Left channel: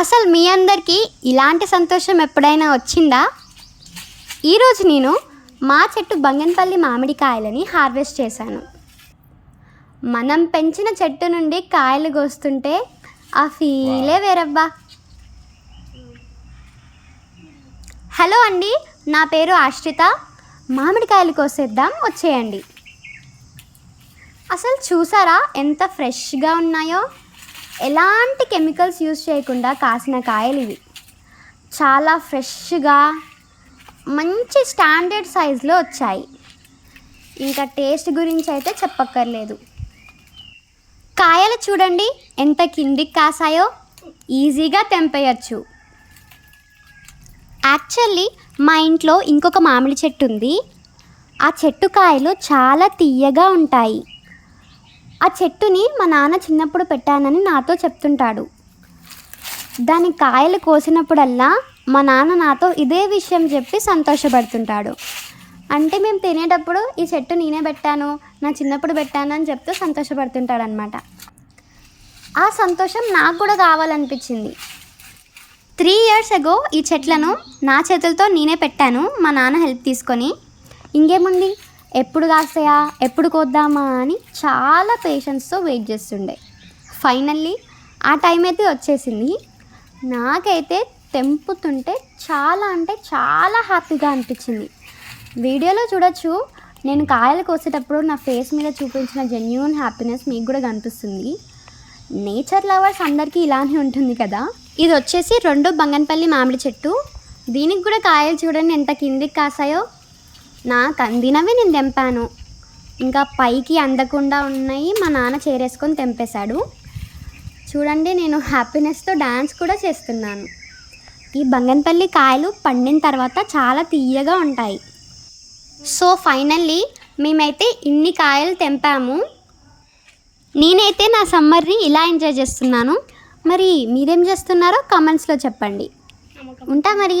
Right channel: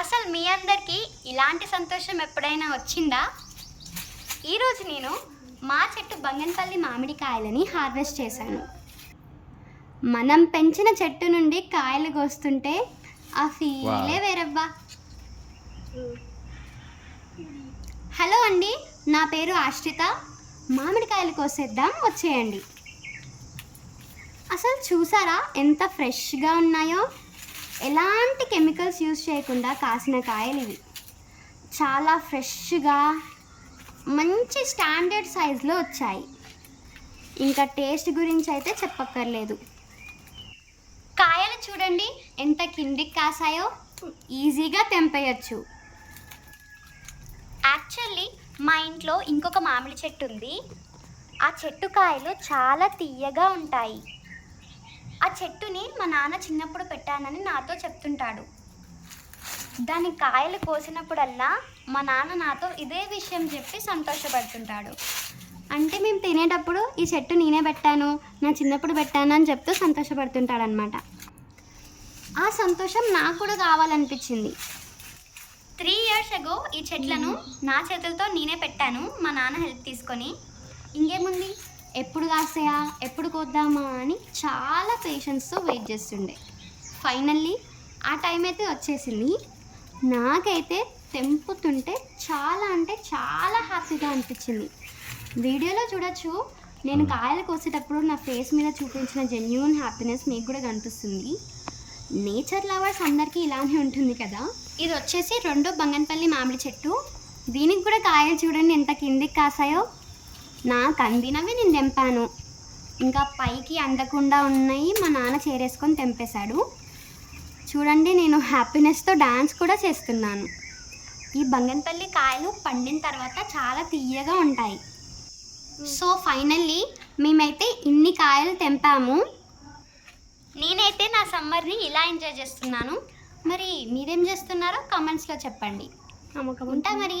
అసలు మీ అందరికీ ఇలాంటి సంతోషం ఎప్పుడైనా వచ్చిందా? ఈరోజు నేను మా చెట్టు బంగన్పల్లి మామిడికాయలని హార్వెస్ట్ చేశాను. మనం పెంచిన చెట్టు నుండి కాయలు కోస్తుంటే ఆ ఫీలే వేరబ్బా. హలో అండి, నా పేరు ఆశ్రిత. మామిడికాయలు కోసేద్దాం, వచ్చేయండి. అసలు చూసారా ఎంత ఫ్రెష్గా ఉన్నాయో? ఎలాంటి కెమికల్స్ యూజ్ చేయకుండా కాసిన కాయలు ఇవి. చాలా ఫ్రెష్గా మంచి స్టాండర్డ్ సైజులో వచ్చాయి. ఇంకా టేస్ట్ గురించి అయితే చెప్పక్కర్లేదు. కాయలు చూడండి ఎంత కిందికి కాసాయో, ఈజీగా తెంపేయచ్చు. యాక్చువల్లీ మా ఇంట్లో ఇంకొక మామిడి చెట్టు ఉంది. ఆ చెట్టు కాయలు చాలా తీయగా ఉంటాయి. ఆ చెట్టుని మా నాన్న చిన్నప్పుడు పెట్టానని నాతో చెప్తుంటాడు. దాని కాయలు కోసినప్పుడల్లా మా నాన్న నాతో ఇదే విషయం చెప్పి సంతోషపడుతుంటాడు. అంటే మేము తినేటప్పుడు ఈ చెట్టు నేనే పెట్టాను, నా చిన్నప్పుడు పెట్టాను అని చెప్తూ సంతోషపడుతుంటాడు అనమాట. ఆ సంతోషం నాకు కూడా కావాలనిపించింది. 3 years ago ఈ చెట్లను నా చేతులతో నేనే పెట్టాను, మా నాన్న హెల్ప్ తీసుకొని. ఇంకేముంది, ఎప్పుడు కాస్తాయా, ఎప్పుడు కోద్దామా అని చాలా పేషెన్స్తో వెయిట్ చేస్తుండే. ఫైనల్లీ ఆ టైం అయితే వచ్చేసింది. నాకైతే తెంపుతుంటే చాలా అంటే చాలా హ్యాపీగా అనిపించింది. వీడియోలో చూడొచ్చు, నేను కాయలు కోసేటప్పుడు నా ఫేస్ మీద చూపించిన జెన్యూన్ హ్యాపీనెస్ మీకు కూడా కనిపిస్తుంది. నేచర్ లవర్స్ అందరికీ ఇలానే ఉంటుంది కదా. ఇది వచ్చేసి 2 బంగన్పల్లి మామిడి చెట్టు. దీనికి కూడా కాయలు చూడండి ఎంత కిందికి కాసాయో. నాకు అందినవి నేను తెంపాను, ఇంకా పైకి అందకుండా ఉన్నాయి మా నాన్న చేరేసుకొని తెంపేశాడు. చూడండి, నేను హ్యాపీనెస్తో డ్యాన్స్ కూడా చేస్తున్నాను. ఈ బంగన్పల్లి కాయలు పండిన తర్వాత చాలా తీయగా ఉంటాయి. సో ఫైనల్లీ మేమైతే ఇన్ని కాయలు తెంపాము. నేనైతే నా సమ్మర్ని ఇలా ఎంజాయ్ చేస్తున్నాను. మరి మీరేం చేస్తున్నారో కామెంట్స్లో చెప్పండి. ఉంటా మరి.